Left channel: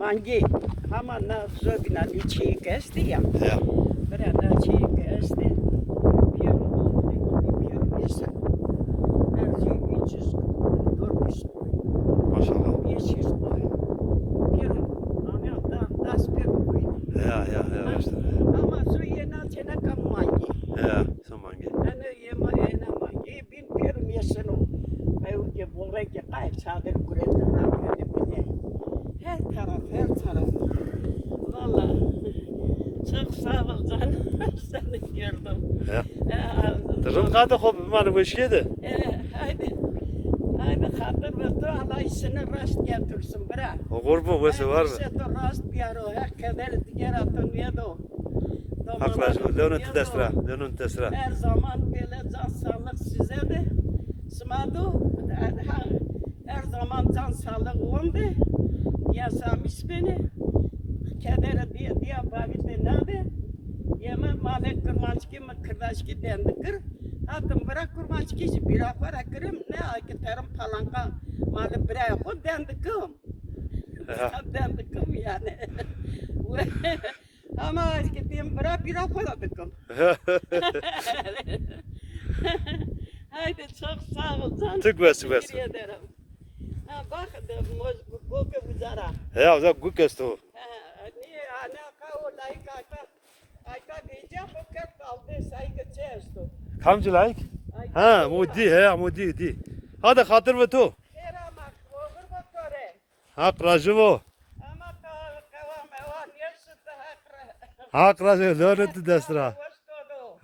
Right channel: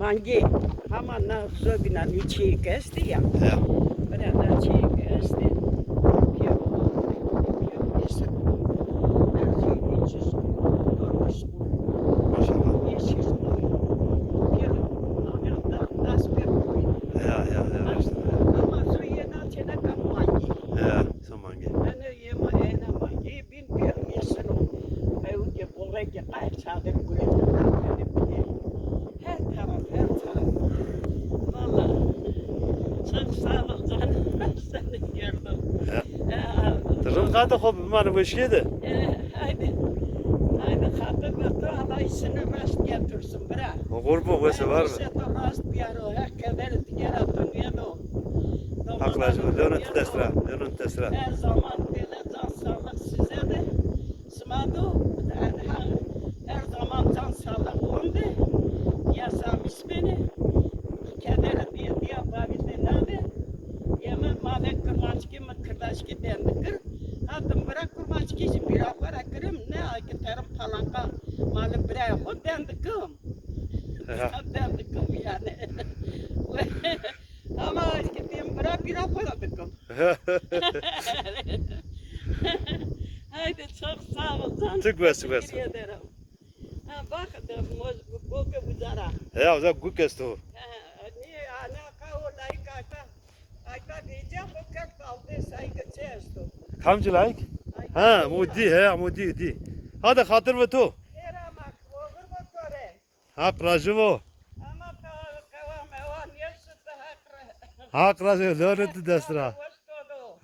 mangi. Ama nasıl güzel bir çiğ kesti ya. Ja. Beraber çiğ kesti. Maşallah. Ja, ja, ja. Işte. Ama su yena çene kan mangi. Ja, zo mangi. Ana yema ena mangi bin pirum yeseno. Ayu ke bore ke kay sadır guretten. Her taraf, her taraf. Valla. Çok sağ ol canım. Seni gördüm. Ja. Durum kadar hop bana bu şeydi. Haydi. Haydi hatı götür Allah işini rast getirsin bırak. O kurbu vese var mı? Seto rast piyaro hakkader diğer atın yedo. Haklar. Dönün tesra. Dönün tesra. Her zaman böyle can sağlık size de. Smado. Her zaman can sağlık oldu. Yasamış beni. Kedere diye babite nerede? Yeme madem kurmançki mı kırdaşki dendi kır. Hattım bırak kurmançki bir afara kırım ne ayki tarım falanka malı bırak o dendi kım. Dendi kım yani. Ama gittim bırak bir afara kım. Haydi çok sağ ol canım. Çok versin. Teşekkür ederim. Ha bak da bu buzara. Ja, o zaman gut o. Niye ana kaola ayka diyeceğim bu kert kaldı saygı çeşto. Kamcı like? Ha, mudi, he, mudi, di. Hadi hatır ve to. Era mak olur mu tore? Ha, prajovo. Ama kavam o niye sütta hakra. Ha, prajovo, dönün tesra. Vastodo.